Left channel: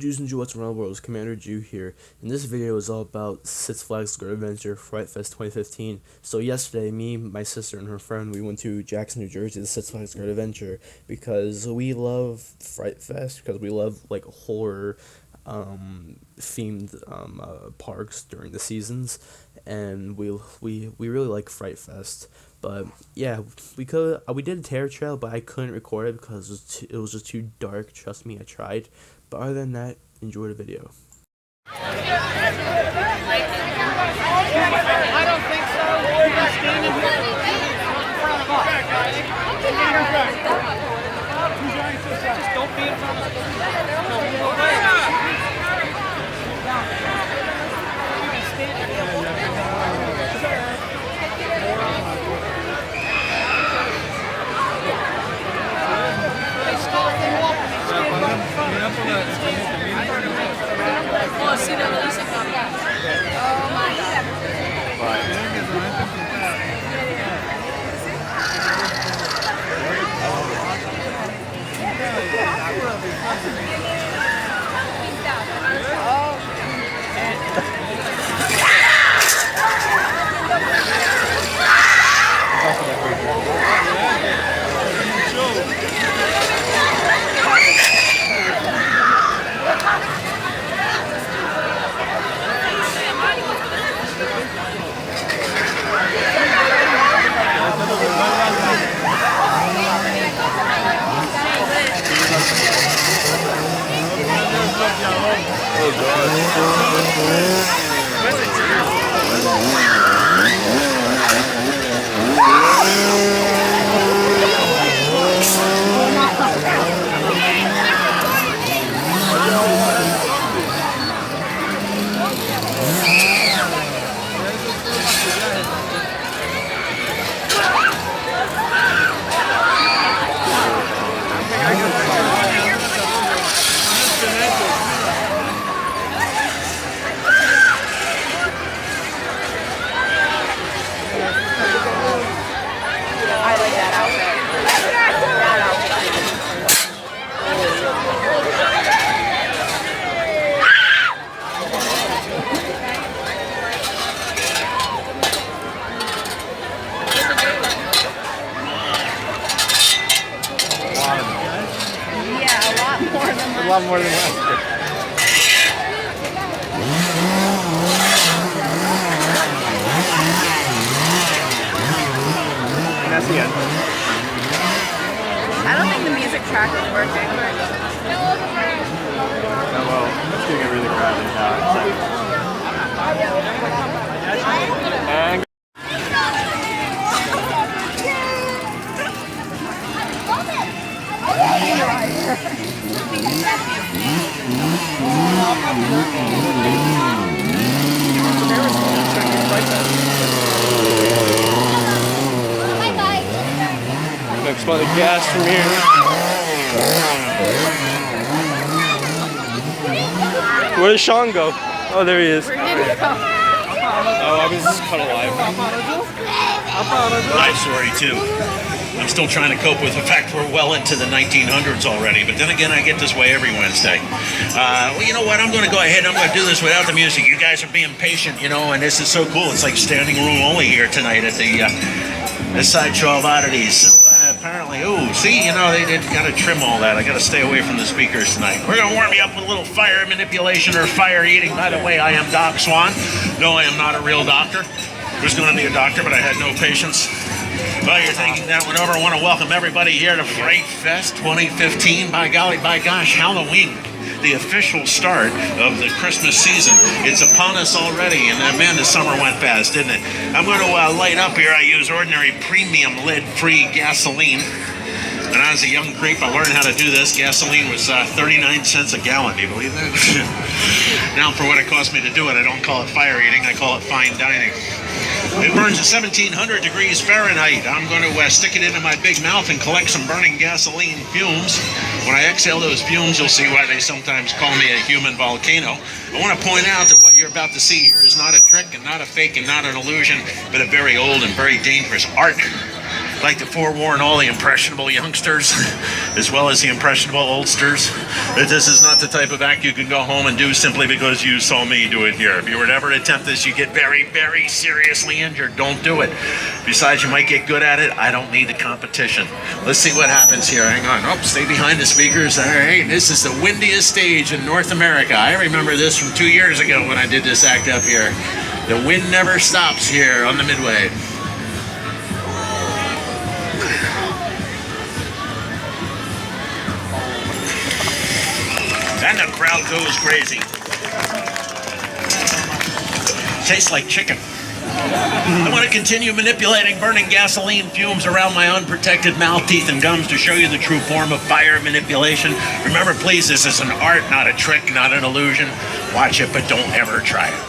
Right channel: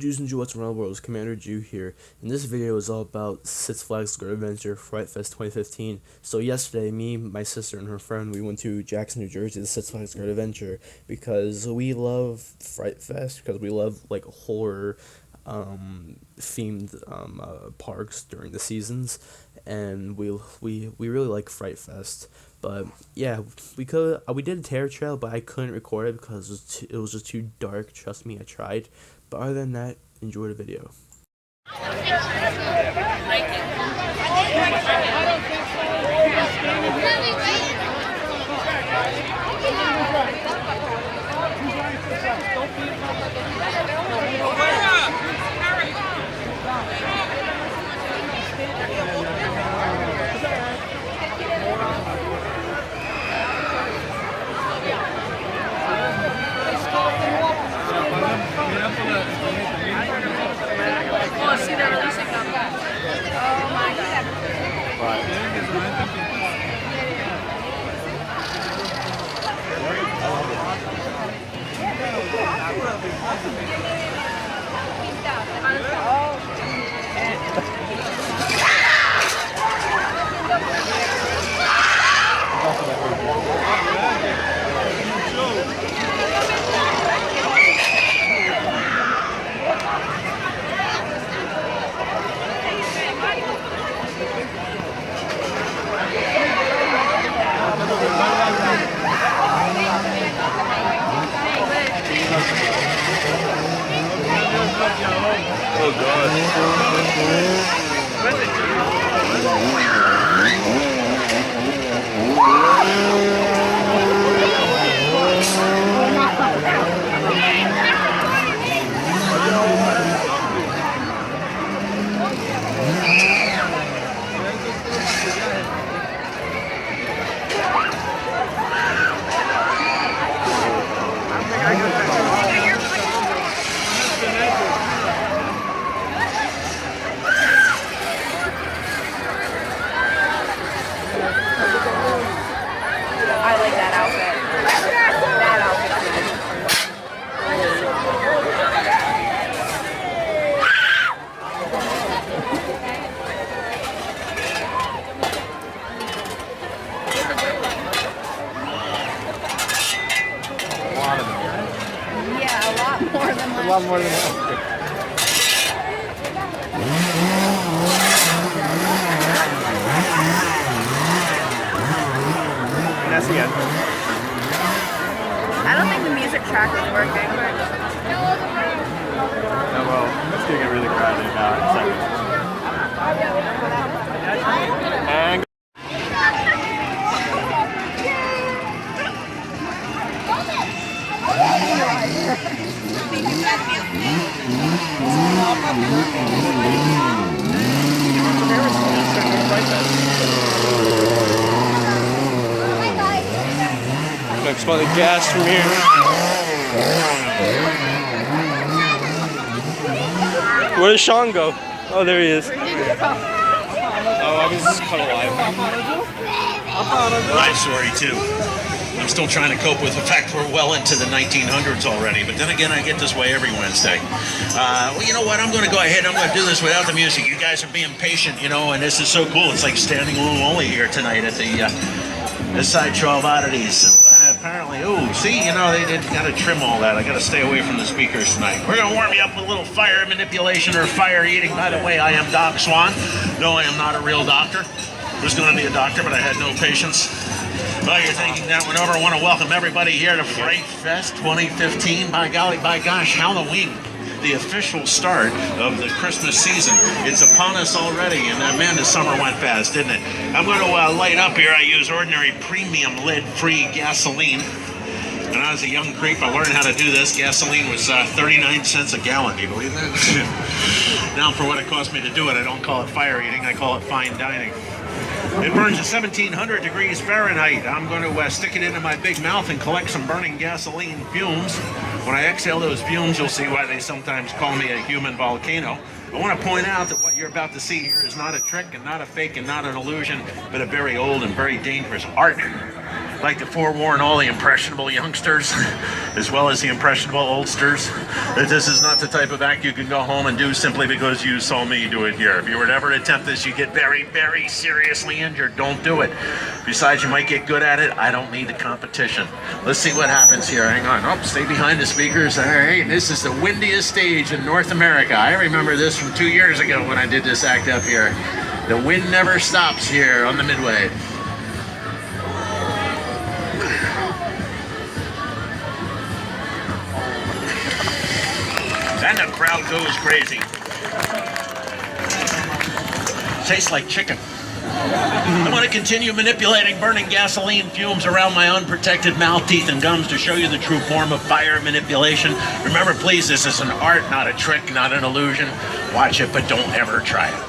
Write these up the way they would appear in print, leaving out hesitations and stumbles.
Jews and Jewettes around the world, it's Commander Jew here, and this video is all about Six Flags Great Adventure Fright Fest 2015. So yesterday, me, my sister, and her friend, we went to Jackson, New Jersey, the Six Flags Great Adventure, because we love Fright Fest, because we love, like, horror themed parks during the seasons, and we really like Fright Fest. But yeah, we did a terror trail, but I couldn't record it because it was just too dark. Trust me, I tried. But other than that, enjoy the video. I don't think so. We're standing here in front of us. Just don't be in front of us. Move away. Stop and walk. Stand right in front of us. Oh, I see they're releasing them. Oh God. A lot more than that. And that's the end. I don't think the music track is working. Oh, well, let's give it really and I can smell the gas from here. Where did Sean go? Oh, there he is. Oh, I was color. I'm sorry too. I'm still trying to cope with the fact we're well into the 1900s already, but then again, I get this way every Wednesday. Well, you know what? I'm going to go ahead. I'm going to do this without the music. You guys are being patient, you know, and this is so cool. It's like standing room only here tonight at the Sideshow of Oddities. So apparently, ooh, see, you know, they got to trim all that. I got to stay away from the speakers tonight. We're going to warm you up with a little fire manipulation or fire eating. By the way, I am Doc Swan. No, I am not a real doctor. There's going to be a doctor, but I had no patience. Well, you're thinking that one over. I want to welcome everybody here to Fright Fest 2015. By golly, by gosh, Halloween, the official start of the Christmas season. It's upon us already, and man, the summer went fast, didn't it? I'm going to light up here. I use ordinary premium lead-free gasoline. And as a young creep, I learned how to do this. Gasoline was 39 cents a gallon. Do you believe that? Now, for what it cost me to do it, I don't call it fire eating. I call it fine dining. It burns at 1700 degrees Fahrenheit. I'm going to stick it into my big mouth and collect some burning gasoline fumes. When I exhale those fumes, you'll see why they sometimes call me a human volcano. I want to point out that what you're about to see here is not a trick and not a fake and not an illusion, but a very old and very dangerous art. I'd like to forewarn all the impressionable youngsters, as well as the impressionable oldsters, that this is not the type of act you can go home and do simply because you saw me do it here. If you were to ever attempt this, you get very, very seriously injured. Don't do it. Besides, you might get good at it. I don't need the competition. Let's see what happens here. Hang on. Oh, stay behind the speakers. All right. This is the windiest stage in North America. I remember this from 2 years ago when I did this act up here. The wind never stops here on the Midway. And the crowd goes crazy. Tastes like chicken. I want to continue manipulating burning gasoline fumes around my unprotected mouth, teeth, and gums to show you the true form of fire manipulation. Remember, please, this is an art, not a trick, not an illusion. Watch it, but don't ever try it.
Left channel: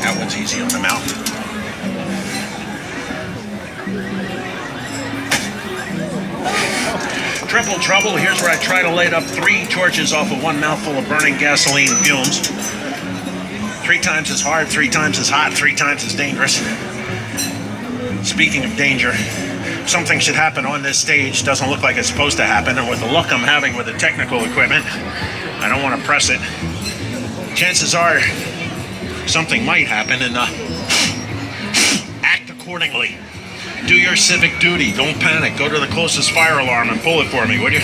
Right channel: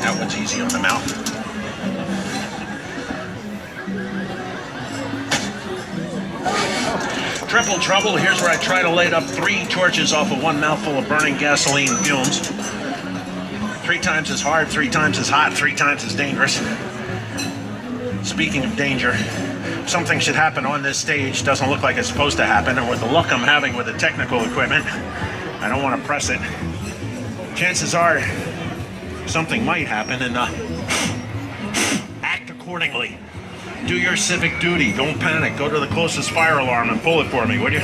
That one's easy on the mouth. Triple trouble. Here's where I try to light up 3 torches off of 1 mouthful of burning gasoline fumes. 3 times as hard, 3 times as hot, 3 times as dangerous. Speaking of danger, something should happen on this stage. Doesn't look like it's supposed to happen, and with the luck I'm having with the technical equipment, I don't want to press it. Chances are something might happen, and act accordingly. Do your civic duty. Don't panic. Go to the closest fire alarm and pull it for me, would you?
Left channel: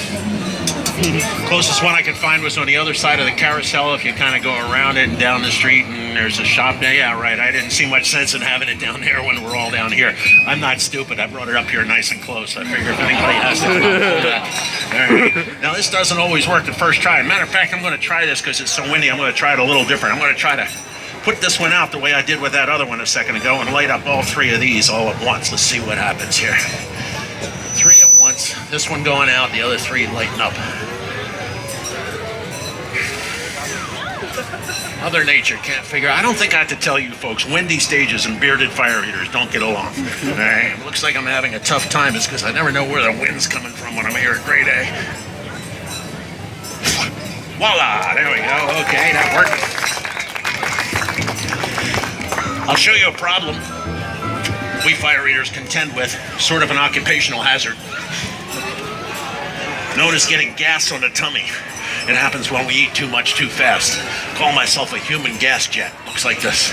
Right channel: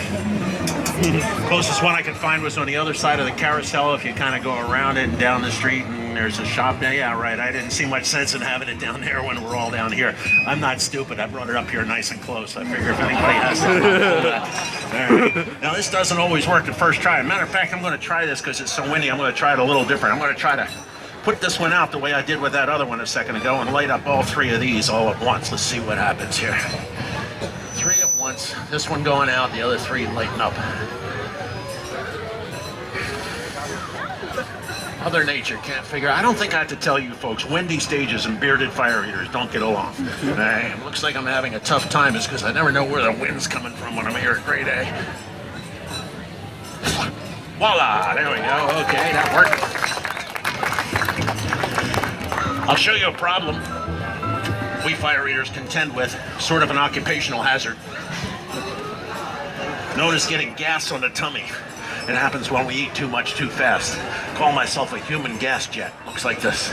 Closest one I could find was on the other side of the carousel. If you kind of go around it and down the street, and there's a shop there. Yeah, right. I didn't see much sense in having it down there when we're all down here. I'm not stupid. I brought it up here nice and close. I figure if anybody has to pull that. All right. Now, this doesn't always work the first try. Matter of fact, I'm going to try this because it's so windy. I'm going to try it a little different. I'm going to try to put this one out the way I did with that other one a second ago and light up all 3 of these all at once. Let's see what happens here. 3 at once. This one going out, the other 3 lighting up. Mother Nature can't figure out. I don't think I have to tell you folks, windy stages and bearded fire eaters don't get along. All right. Looks like I'm having a tough time. It's because I never know where the wind's coming from when I'm here at grade A. Voila! There we go. Okay, that worked. I'll show you a problem we fire eaters contend with, sort of an occupational hazard, known as getting gas on the tummy. It happens when we eat too much too fast. Call myself a human gas jet. Looks like this.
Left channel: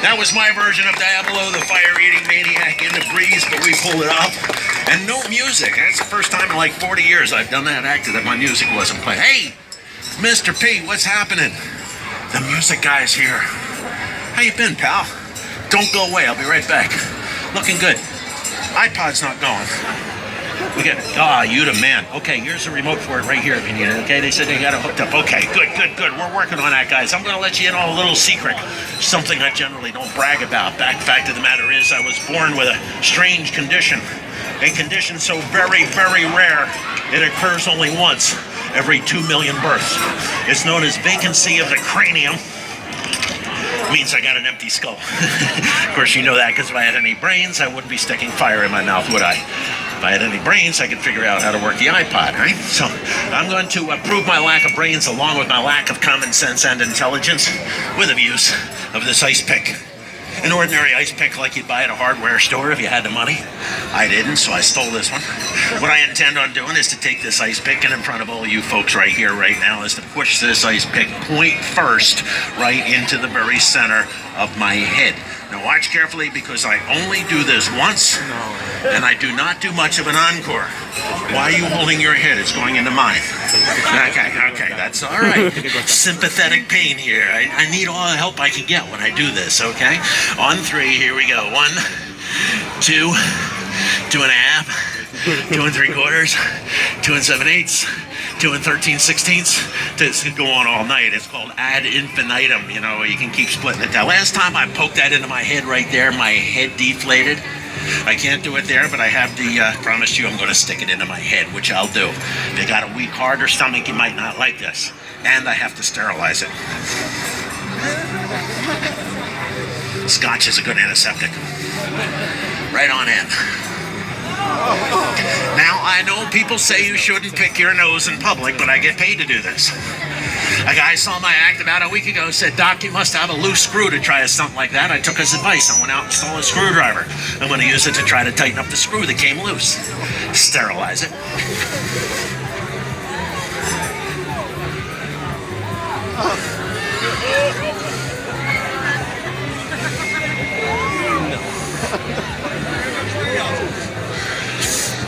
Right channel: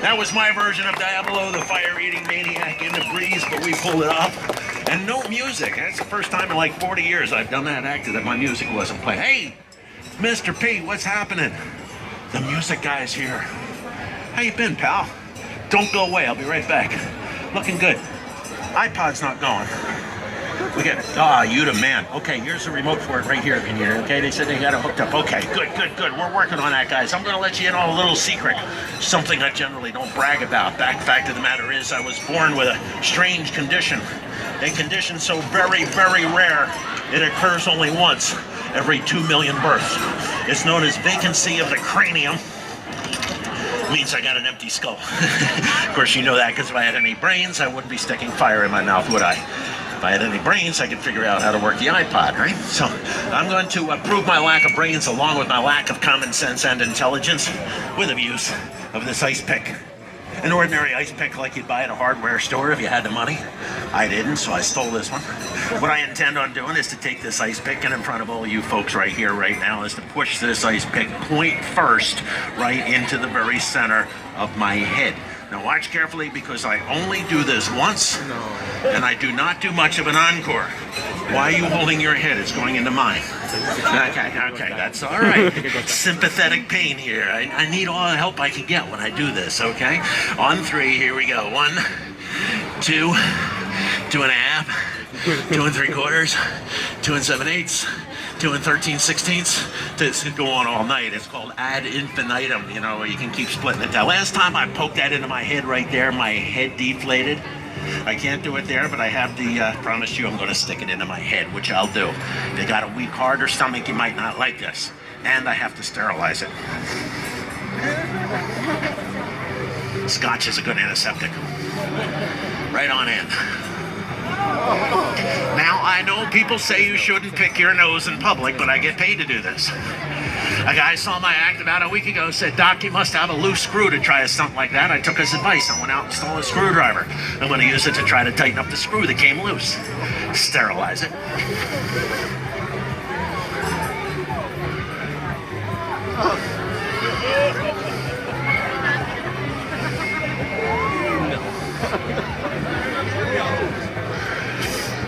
That was my version of Diablo, the fire-eating maniac in the breeze, but we pulled it off. And no music. That's the first time in like 40 years I've done that act that my music wasn't playing. Hey, Mr. P, what's happening? The music guy's here. How you been, pal? Don't go away. I'll be right back. Looking good. iPod's not going. We got, you the man. Okay, here's the remote for it right here if you need it, okay? They said they got it hooked up. Okay, good. We're working on that, guys. I'm going to let you in on a little secret. Something I generally don't brag about. Fact of the matter is I was born with a strange condition. A condition so very, very rare, it occurs only once every 2 million births. It's known as vacancy of the cranium. It means I got an empty skull. Of course, you know that because if I had any brains, I wouldn't be sticking fire in my mouth, would I? If I had any brains, I could figure out how to work the iPod, right? So I'm going to prove my lack of brains along with my lack of common sense and intelligence with the use of this ice pick. An ordinary ice pick like you'd buy at a hardware store if you had the money. I didn't, so I stole this one. What I intend on doing is to take this ice pick, and in front of all you folks right here, right now, is to push this ice pick point first right into the very center of my head. Now watch carefully because I only do this once, and I do not do much of an encore. Why are you holding your head? It's going into mine. Okay, that's all right. Sympathetic pain here. I need all the help I can get when I do this, okay? On 3, here we go. 1, 2, 2.5, 2 3/4, 2 7/8, 2 13/16. This can go on all night. It's called ad infinitum. You know, you can keep splitting it down. Last time I poked that into my head right there, my head deflated. I can't do it there, but I have the, promise you I'm going to stick it into my head, which I'll do. If you got a weak heart or stomach, you might not like this. And I have to sterilize it. Scotch is a good antiseptic. Right on in. Now, I know people say you shouldn't pick your nose in public, but I get paid to do this. A guy saw my act about a week ago, said, "Doc, you must have a loose screw to try a stunt like that." I took his advice. I went out and stole a screwdriver. I'm going to use it to try to tighten up the screw that came loose. Sterilize it.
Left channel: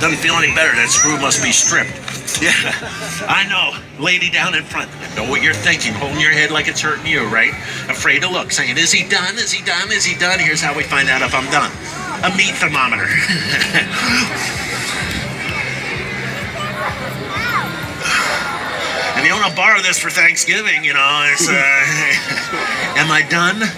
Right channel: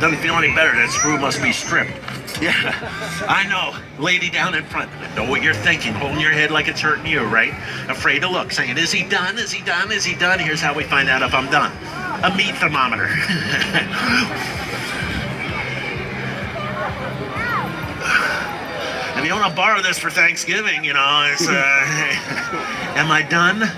Doesn't feel any better. That screw must be stripped. Yeah, I know. Lady down in front. Know what you're thinking. Holding your head like it's hurting you, right? Afraid to look. Saying, "Is he done? Is he done? Is he done?" Here's how we find out if I'm done. A meat thermometer. If you want to borrow this for Thanksgiving, you know, it's, am I done?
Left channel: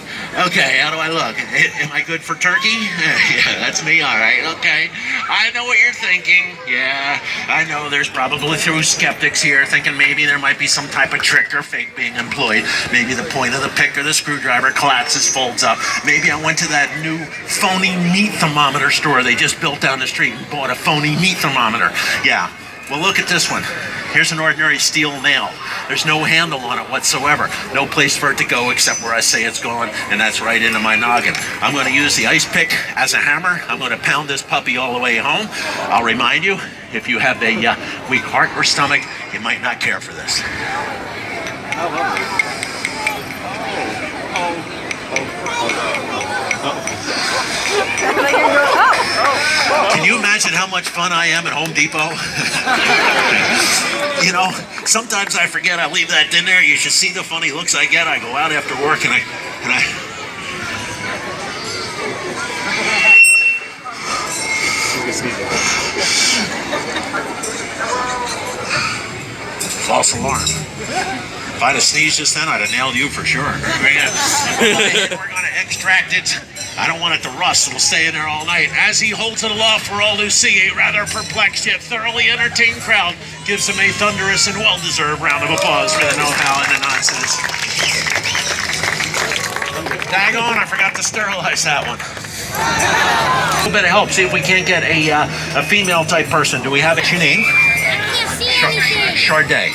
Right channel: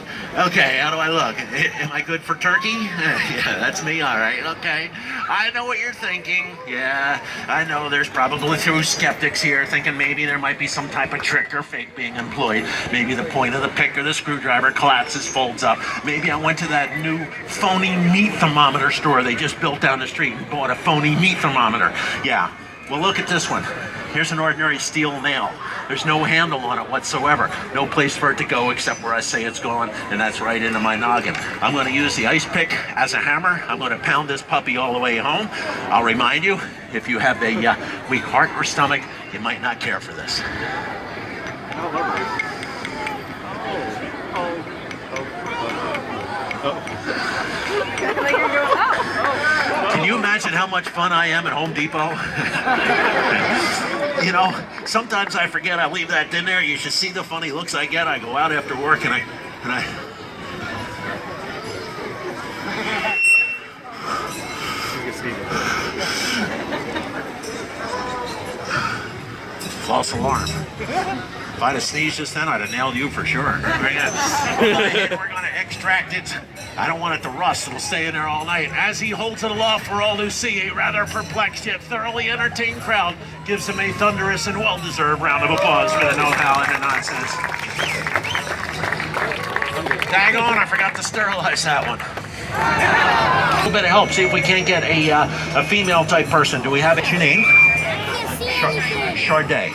Okay, how do I look? Am I good for turkey? Yeah, that's me, all right, okay. I know what you're thinking. Yeah, I know there's probably true skeptics here thinking maybe there might be some type of trick or fake being employed. Maybe the point of the pick or the screwdriver collapses, folds up. Maybe I went to that new phony meat thermometer store they just built down the street and bought a phony meat thermometer. Yeah, well, look at this one. Here's an ordinary steel nail. There's no handle on it whatsoever. No place for it to go except where I say it's going, and that's right into my noggin. I'm going to use the ice pick as a hammer. I'm going to pound this puppy all the way home. I'll remind you, if you have a weak heart or stomach, you might not care for this. Can you imagine how much fun I am at Home Depot? You know, sometimes I forget I leave that in there. You should see the funny looks I get. I go out after work and I false alarm. If I'd have sneezed just then, I'd have nailed you for sure. We're going to extract it. I don't want it to rust. It'll stay in there all night. As he holds it aloft for all who see, a rather perplexed yet thoroughly entertained crowd gives him a thunderous and well-deserved round of applause for the know-how and the nonsense. Daggone, I forgot to sterilize that one. A little bit of help. See if we can't get a female-type person. Do we have your name? I can't see anything. Charday.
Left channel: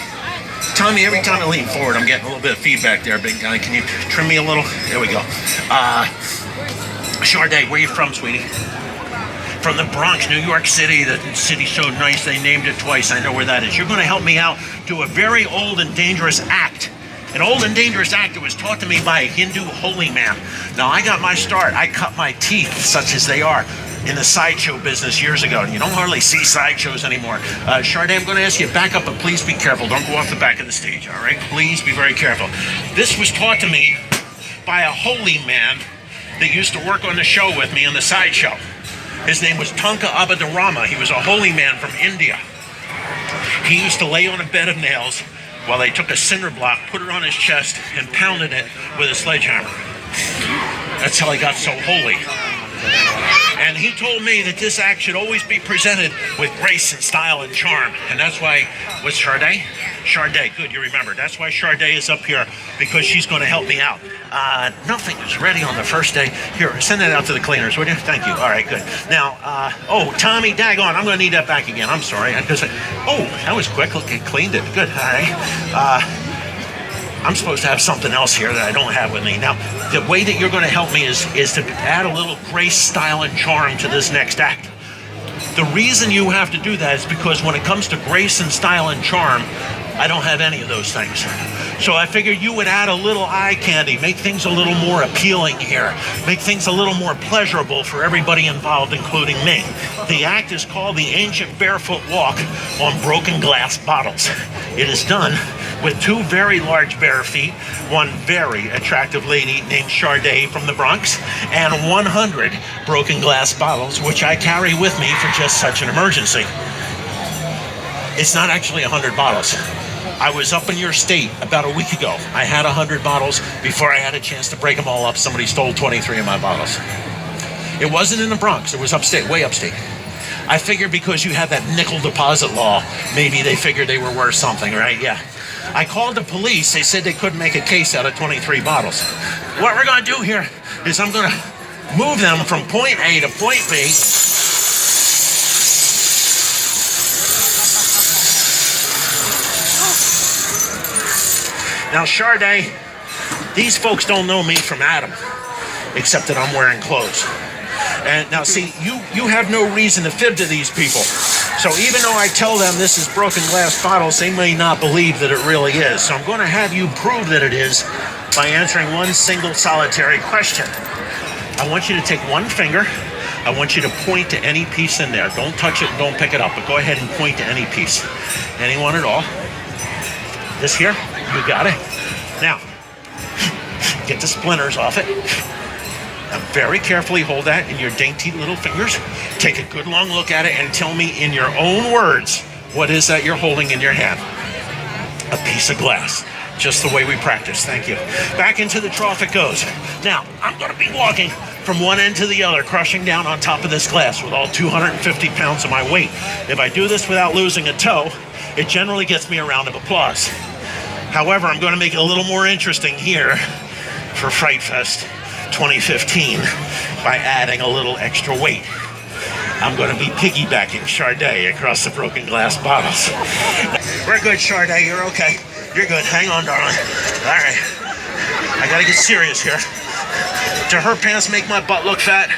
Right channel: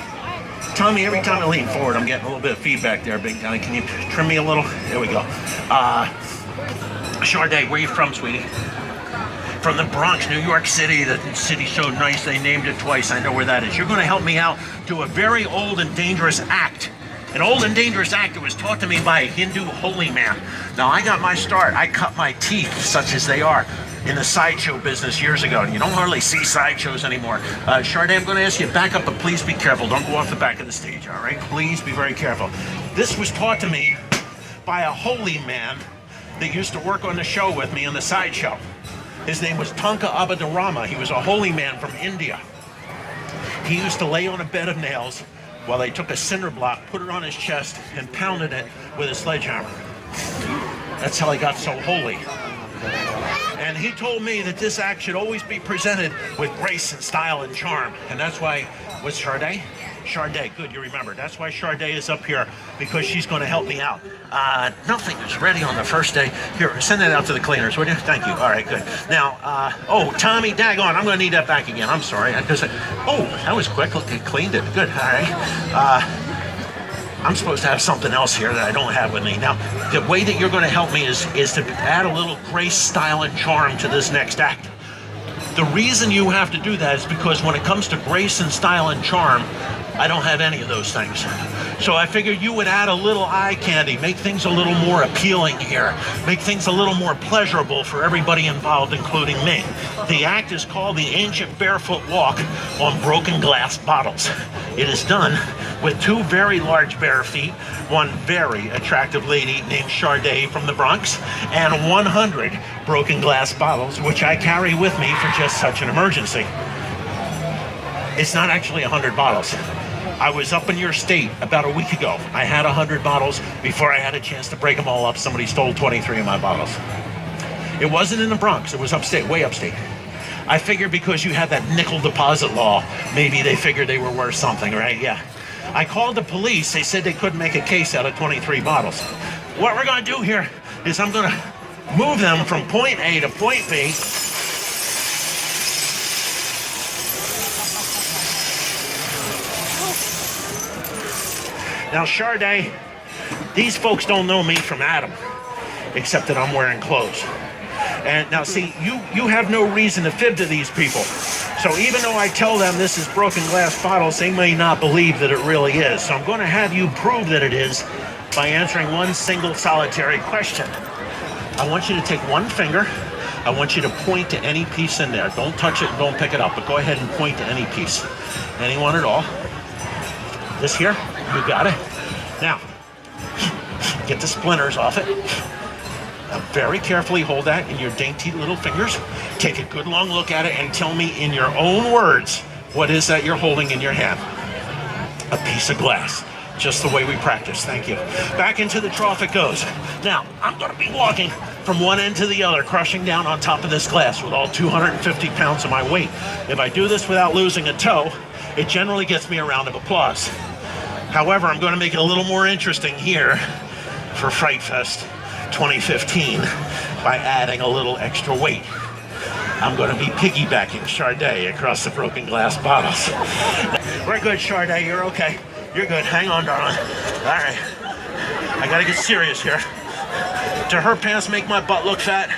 Tommy, every time I lean forward, I'm getting a little bit of feedback there, big guy. Can you trim me a little? There we go. Charday, where are you from, sweetie? From the Bronx, New York City. The city's so nice, they named it twice. I know where that is. You're going to help me out do a very old and dangerous act. An old and dangerous act that was taught to me by a Hindu holy man. Now, I got my start. I cut my teeth, such as they are, in the sideshow business years ago. You don't hardly see sideshows anymore. Charday, I'm going to ask you to back up, but please be careful. Don't go off the back of the stage, all right? Please be very careful. This was taught to me by a holy man that used to work on the show with me on the sideshow. His name was Tanka Abhidarama. He was a holy man from India. He used to lay on a bed of nails while they took a cinder block, put it on his chest, and pounded it with a sledgehammer. That's how he got so holy. And he told me that this act should always be presented with grace and style and charm. And that's why, what's Charday? Charday, good, you remember. That's why Charday is up here, because she's going to help me out. Nothing was ready on the first day. Here, send that out to the cleaners, would you? Thank you. All right, good. Now, oh, Tommy, daggone, I'm going to need that back again. I'm sorry. Oh, that was quick. Look, it cleaned it. Good. All right. I'm supposed to have something else here that I don't have with me. Now, the way that you're going to help me is to add a little grace, style, and charm to this next act. The reason you have to do that is because when it comes to grace and style and charm, I don't have any of those things. So I figured you would add a little eye candy, make things a little more appealing here, make things a little more pleasurable for everybody involved, including me. The act is called the Ancient Barefoot Walk on Broken Glass Bottles. It is done with two very large bare feet, one very attractive lady named Charday from the Bronx, and 100 broken glass bottles, which I carry with me for just such an emergency. It's not actually 100 bottles. I was up in your state about a week ago. I had 100 bottles. Before I had a chance to break them all up, somebody stole 23 of my bottles. It wasn't in the Bronx. It was upstate, way upstate. I figured because you had that nickel deposit law, maybe they figured they were worth something, right? Yeah. I called the police. They said they couldn't make a case out of 23 bottles. What we're going to do here is I'm going to move them from point A to point B. Now, Sade, these folks don't know me from Adam, except that I'm wearing clothes. And now, see, you have no reason to fib to these people. So even though I tell them this is broken glass bottles, they may not believe that it really is. So I'm going to have you prove that it is by answering one single solitary question. I want you to take one finger. I want you to point to any piece in there. Don't touch it and don't pick it up, but go ahead and point to any piece. Anyone at all. This here, you got it. Now, get the splinters off it. Now very carefully hold that in your dainty little fingers. Take a good long look at it and tell me in your own words, what is that you're holding in your hand? A piece of glass. Just the way we practice, thank you. Back into the trough it goes. Now, I'm gonna be walking from one end to the other, crushing down on top of this glass with all 250 pounds of my weight. If I do this without losing a toe, it generally gets me a round of applause. However, I'm gonna make it a little more interesting here for Fright Fest 2015 by adding a little extra weight. I'm going to be piggybacking Sade across the broken glass bottles. We're good, Sade. You're okay. You're good. Hang on, darling. All right. I got to get serious here. Do her pants make my butt look fat?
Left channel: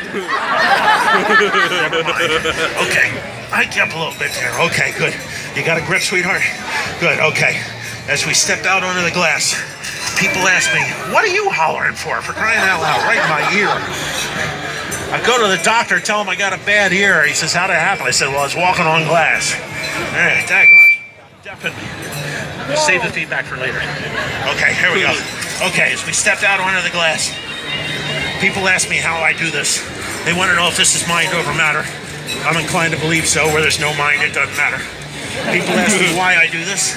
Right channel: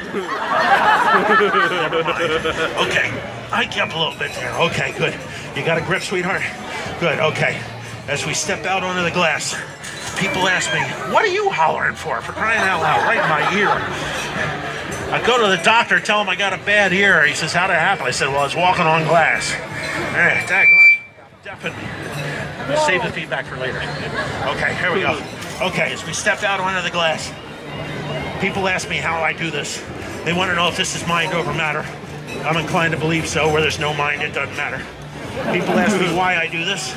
Okay. Hike you up a little bit there. Okay, good. You got a grip, sweetheart? Good, okay. As we step out onto the glass, people ask me, what are you hollering for crying out loud, right in my ear? I go to the doctor, tell him I got a bad ear. He says, how'd it happen? I said, well, I was walking on glass. All right, definitely. Save the feedback for later. Okay, here we go. Okay, as we stepped out onto the glass, people ask me how I do this. They want to know if this is mind over matter. I'm inclined to believe so. Where there's no mind, it doesn't matter. People ask me why I do this.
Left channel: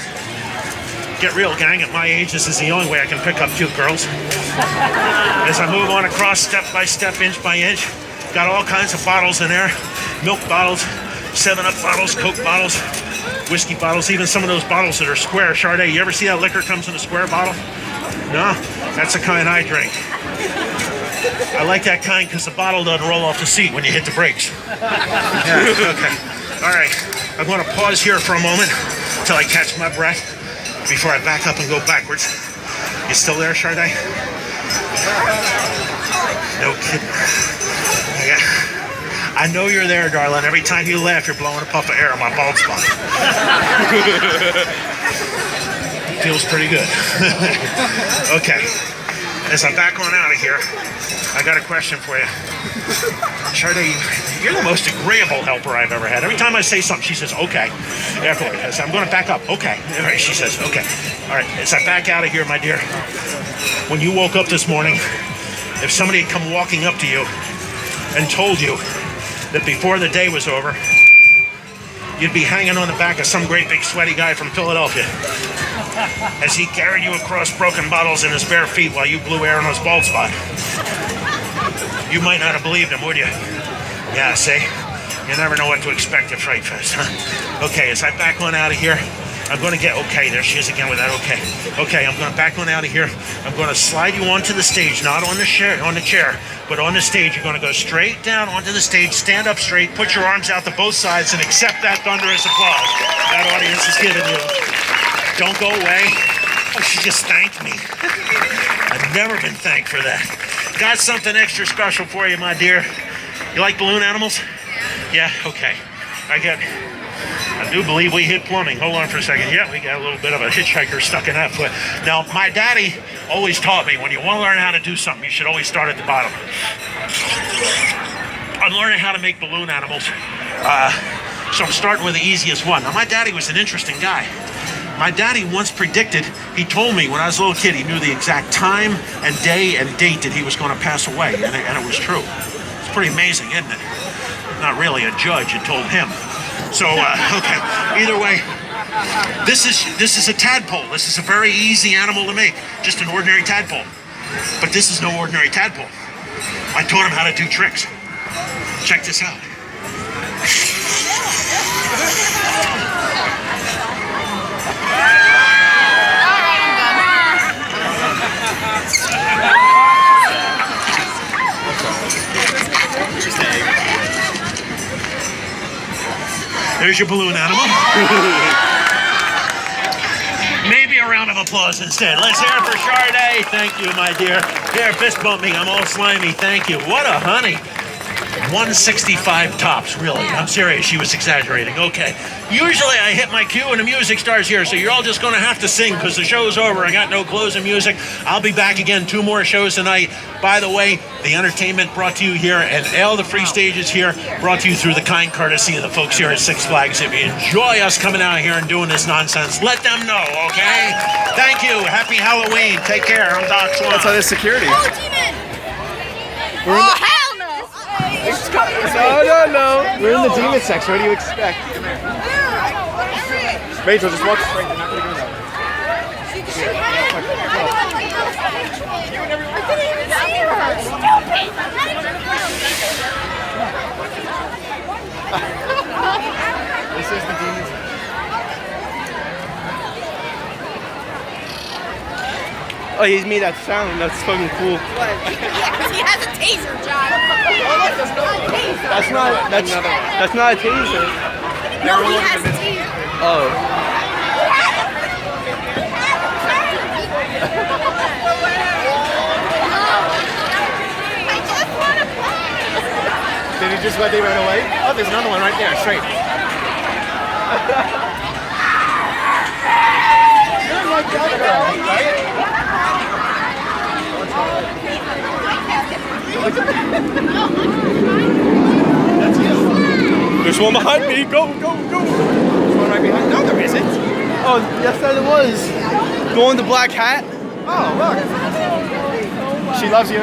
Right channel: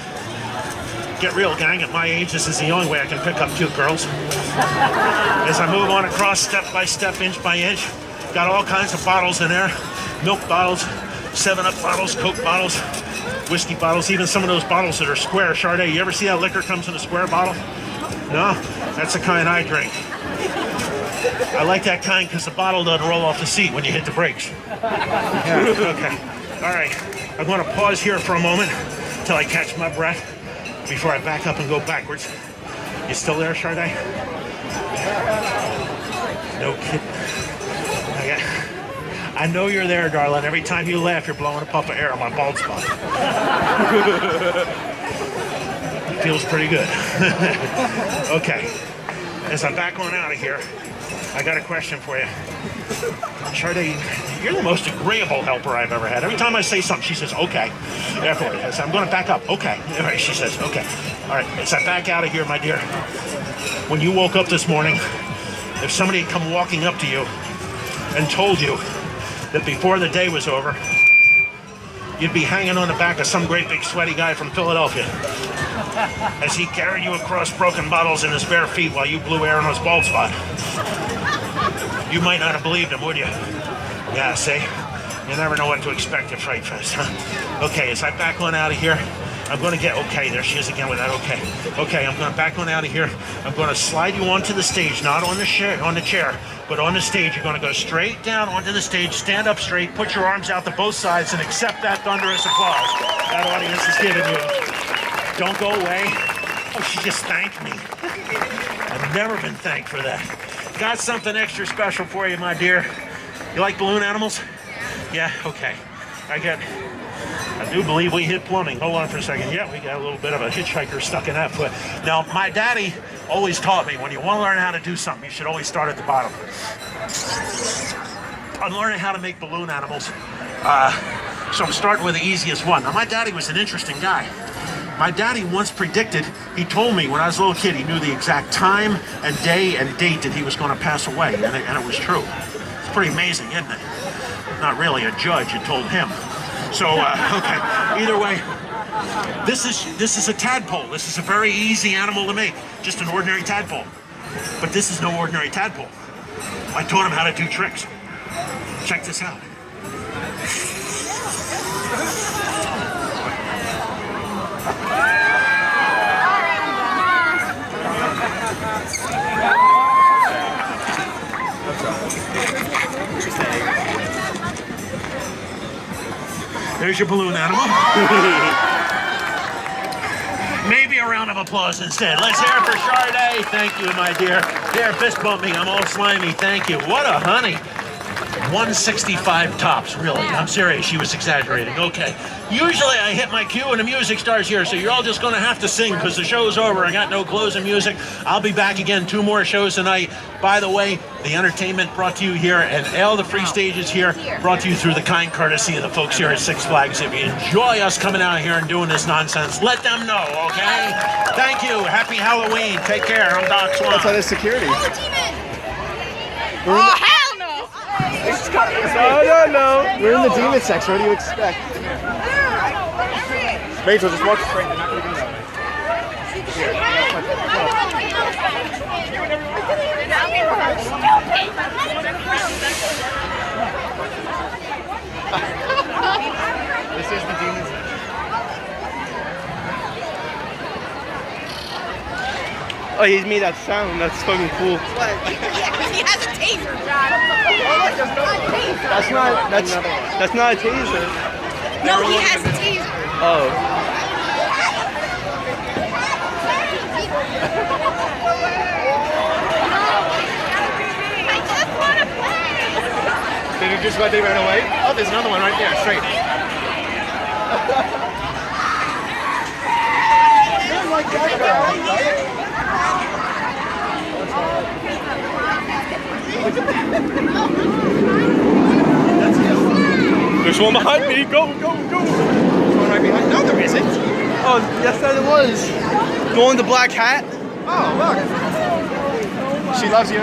Get real, gang. At my age, this is the only way I can pick up cute girls. As I move on across step by step, inch by inch, got all kinds of bottles in there. Milk bottles, 7-Up bottles, Coke bottles, whiskey bottles, even some of those bottles that are square. Sade, you ever see that liquor comes in a square bottle? No? That's the kind I drink. I like that kind because the bottle doesn't roll off the seat when you hit the brakes. Yeah, okay. All right. I'm going to pause here for a moment until I catch my breath before I back up and go backwards. You still there, Sade? No kidding. I know you're there, darling. Every time you laugh, you're blowing a puff of air on my bald spot. Feels pretty good. Okay. As I'm back on out of here, I got a question for you. Sade, you're the most agreeable helper I've ever had. Every time I say something, she says, okay. Afterward, I say, I'm going to back up. Okay. All right, she says, okay. All right, as I back out of here, my dear, when you woke up this morning, if somebody had come walking up to you and told you that before the day was over, you'd be hanging on the back of some great big sweaty guy from Philadelphia as he carried you across broken bottles in his bare feet while you blew air on his bald spot, you might not have believed him, would you? Yeah, see? You never know what to expect at Fright Fest, huh? Okay, as I back on out of here, I'm going to get, okay, there she is again with that, okay. Okay, I'm going to back on out of here. I'm going to slide you onto the stage, not on the chair, but on the stage. You're going to go straight down onto the stage, stand up straight, put your arms out to both sides, and accept that thunderous applause that audience is giving you. Don't go away. Oh, she just thanked me. I've never been thanked for that. Got something extra special for you, my dear. You like balloon animals? Yeah, okay. I do believe we hit plumbing. Hold on for a second. Yeah, we got a little bit of a hitchhiker stuck in that foot. Now, my daddy always taught me when you want to learn how to do something, you should always start at the bottom. I'm learning how to make balloon animals. So I'm starting with the easiest one. Now, my daddy was an interesting guy. My daddy once predicted, he told me when I was a little kid, he knew the exact time and day and date that he was going to pass away, and it was true. It's pretty amazing, isn't it? Not really a judge, it told him. So, okay, either way, This is a tadpole. This is a very easy animal to make. Just an ordinary tadpole. But this is no ordinary tadpole. I taught him how to do tricks. Check this out. There's your balloon animal. Maybe a round of applause instead. Let's hear it for Sade. Thank you, my dear. Here, fist bump me. I'm all slimy. Thank you. What a honey. 165 tops, really. I'm serious. She was exaggerating. Okay. Usually I hit my cue and the music starts here, so you're all just going to have to sing because the show's over. I got no closing music. I'll be back again 2 more shows tonight. By the way, the entertainment brought to you here and all the free stages here brought to you through the kind courtesy of the folks here at Six Flags. If you enjoy us coming out here and doing this nonsense, let them know, okay? Thank you. Happy Halloween. Take care. I'm Doc Swan. That's how there's security. Oh, demon! Oh, hell no! Oh, no. We're in the demon section. What do you expect? Rachel, just walk straight. They're not going to go that way. This is the demon section. Oh, he's made that sound. That's fucking cool. He has a taser, John. That's not a taser. No, he has a taser. Oh. Did you just let they ran away? Oh, there's another one right there, straight. You're like that, right? There's one behind me. Go, go, go. No, there isn't. Oh, yes, that it was. The one with the black hat. Oh, look. She loves you.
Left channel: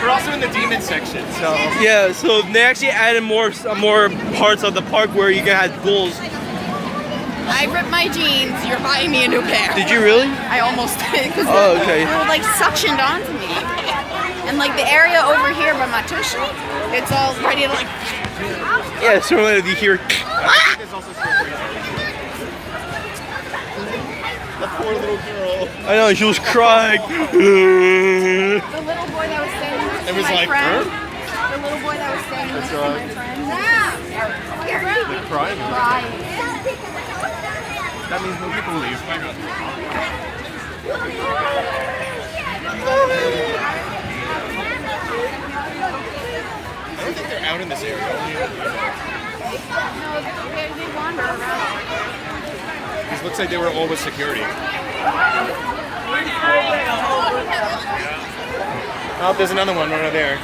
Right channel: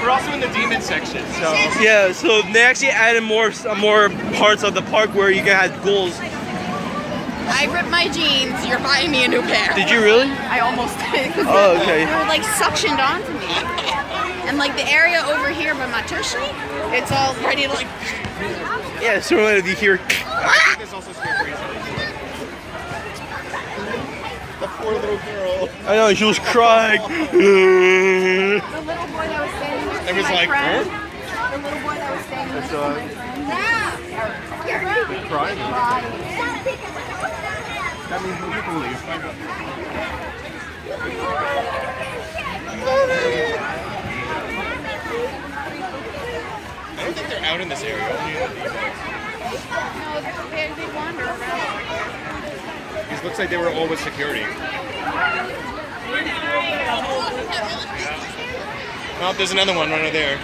We're also in the demon section, so. Yeah, so they actually added more parts of the park where you can have ghouls. I ripped my jeans. You're buying me a new pair. Did you really? I almost did. Oh, okay. They were like suctioned onto me. And like the area over here by my tushy, it's all ready to like. Yeah, so if you hear. I know, she was crying. The little boy that was standing next to my friend. The little boy that was standing next to my friend. Yeah. Crying. That means more people leave. I don't think they're out in this area. They wander. It looks like they were all with security. Oh, there's another one right there.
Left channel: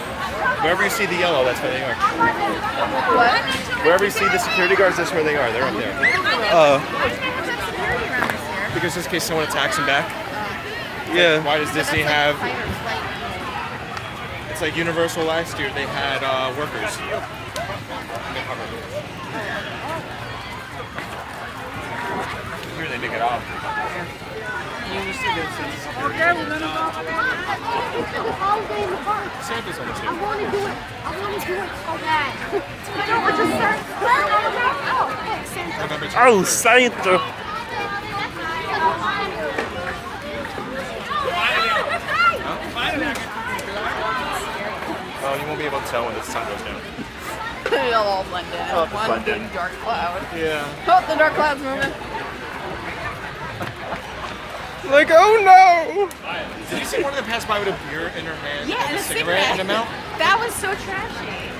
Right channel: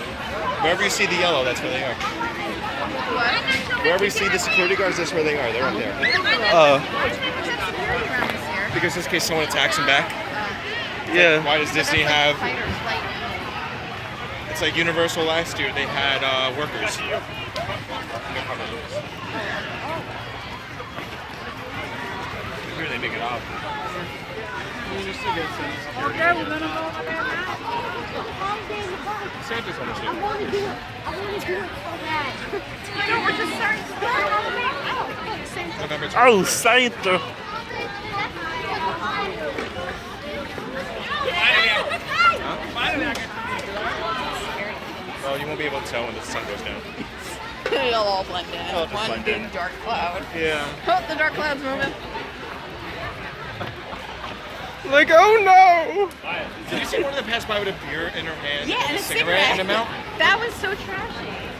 Wherever you see the yellow, that's where they are. What? Wherever you see the security guards, that's where they are. They're up there. Because just in case someone attacks them back. Yeah. Why does Disney have... It's like Universal last year, they had workers. Here they make it off. Santa's on the street. I want to do it. I want to do it so bad. No, we're just starting. Oh, Santa! Oh, you won't be able to tell when the sun goes down. It'll all blend in. Oh, One blend in. big dark cloud. Yeah. Oh, the dark cloud's moving. Like, oh no! Did you see one that passed by with a beer in her hand? Yeah, and a cigarette in cigarette. her mouth? That was so trashy.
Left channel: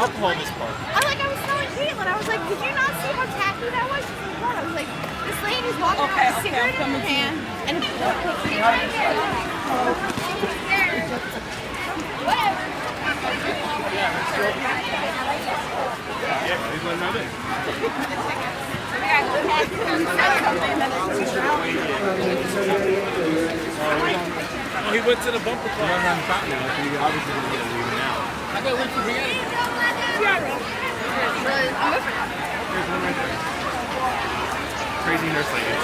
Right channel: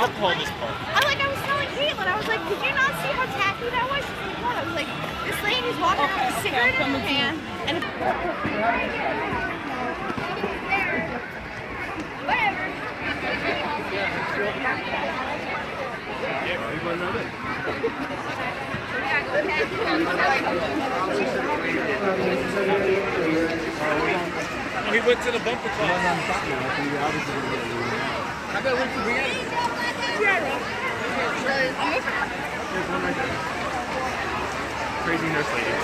I'll pull this part. I was so intrigued when I was like, did you not see how tacky that was? She's like, what? I was like, this lady's walking around with a cigarette in her hand and whatever. Yeah, we're going right in. He went to the bumper car. We're on top now, so you obviously gonna get it now. How about we forget it? There's one right there. Crazy nurse lady.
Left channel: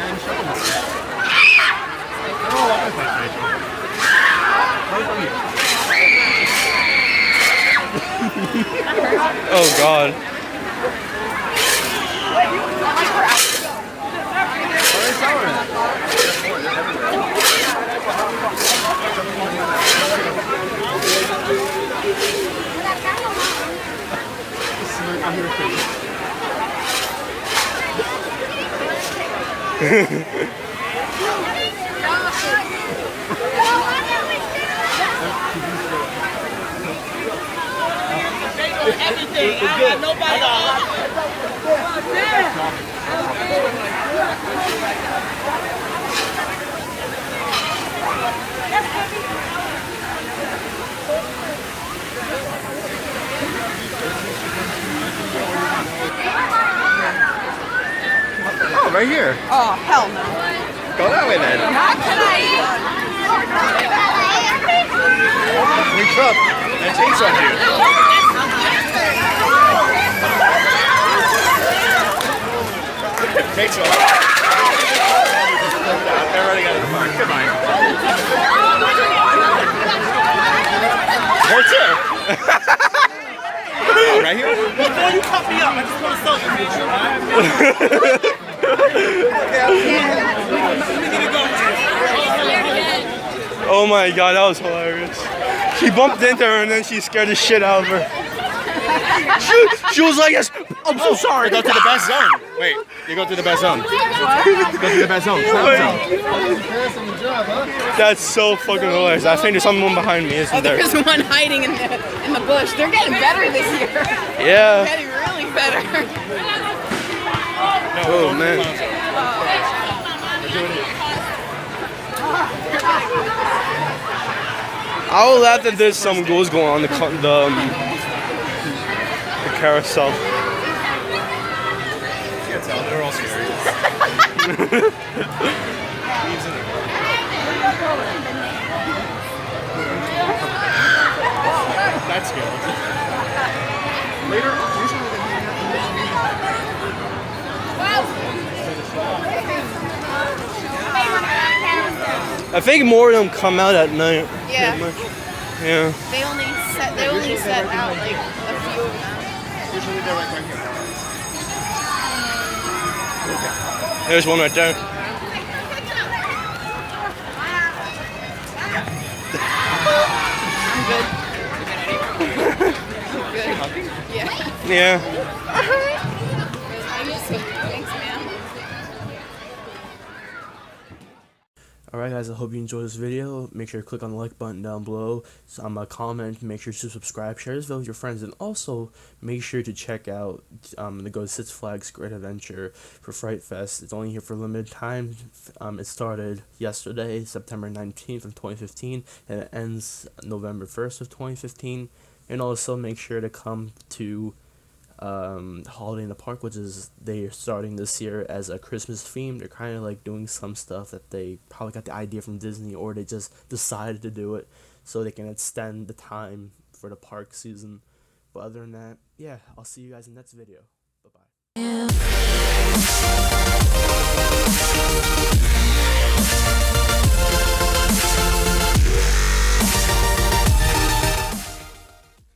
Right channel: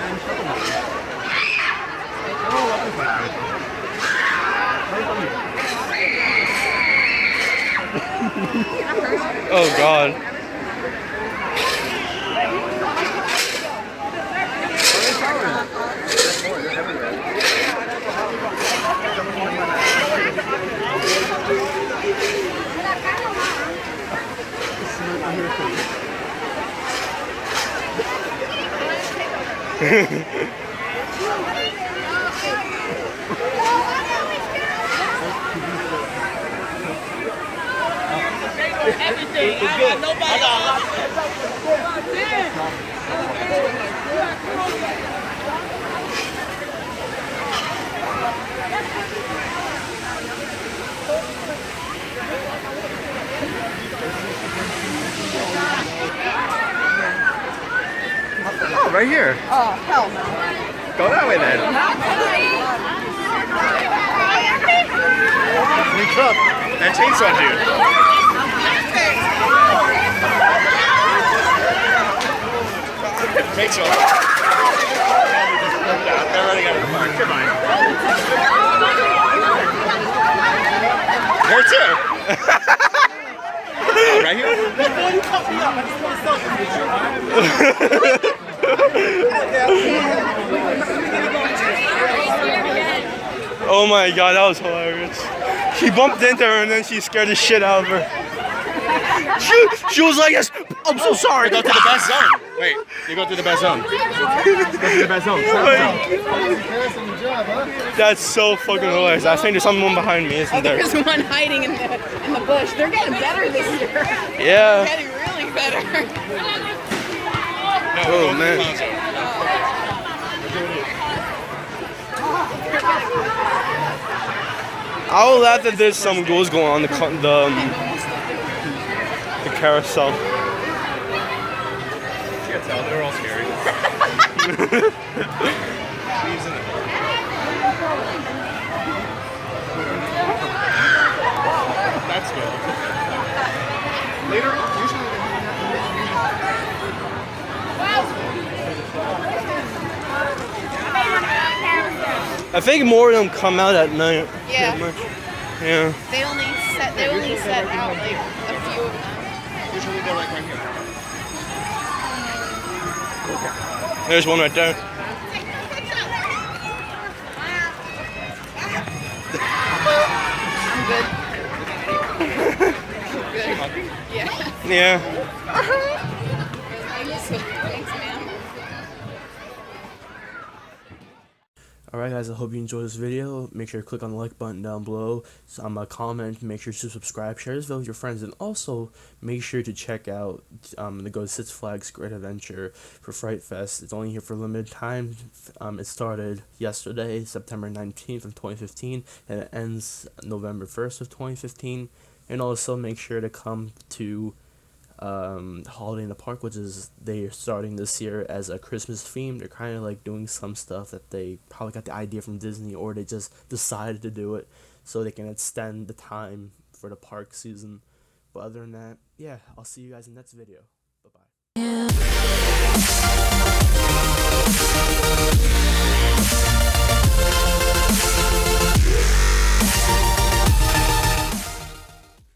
And show them. Oh, I'm right from here. Oh God. Everything. Nobody. Oh, right here. Oh, hell no. Go that way then. New truck. That chainsaw dude. Chainsaw. Where to? Right here. Before you cut me up, I just want to selfie with you. Oh my God, that was hilarious. She bumped into her and then she scared the shit out of her. She was like, yes, I'm so sorry. Go to the best zone. Wait, you go to the best zone. Go to the best zone. That's so fucking hilarious. I think there's someone behind me, isn't there? There's one hiding in the bush. They're getting better this year. Yeah. Getting really better. Oh man. I will laugh that there's some goals going on the carousel. That's good. Later on, usually I think more of them come out at night. Yeah. Pretty much. Yeah. They only set out like a few of them. usually they're like right here. There's one right there. Yeah. Alright guys, I hope you enjoyed this video. Make sure to click on the like button down below, comment, make sure to subscribe, share this video with your friends, and also make sure to check out the go to Six Flags Great Adventure for Fright Fest. It's only here for a limited time. It started yesterday, September 19th of 2015, and it ends November 1st of 2015. And also make sure to come to Holiday in the Park, which is they're starting this year as a Christmas theme. They're kind of like doing some stuff that they probably got the idea from Disney, or they just decided to do it so they can extend the time for the park season. But other than that, yeah, I'll see you guys in the next video. Bye bye.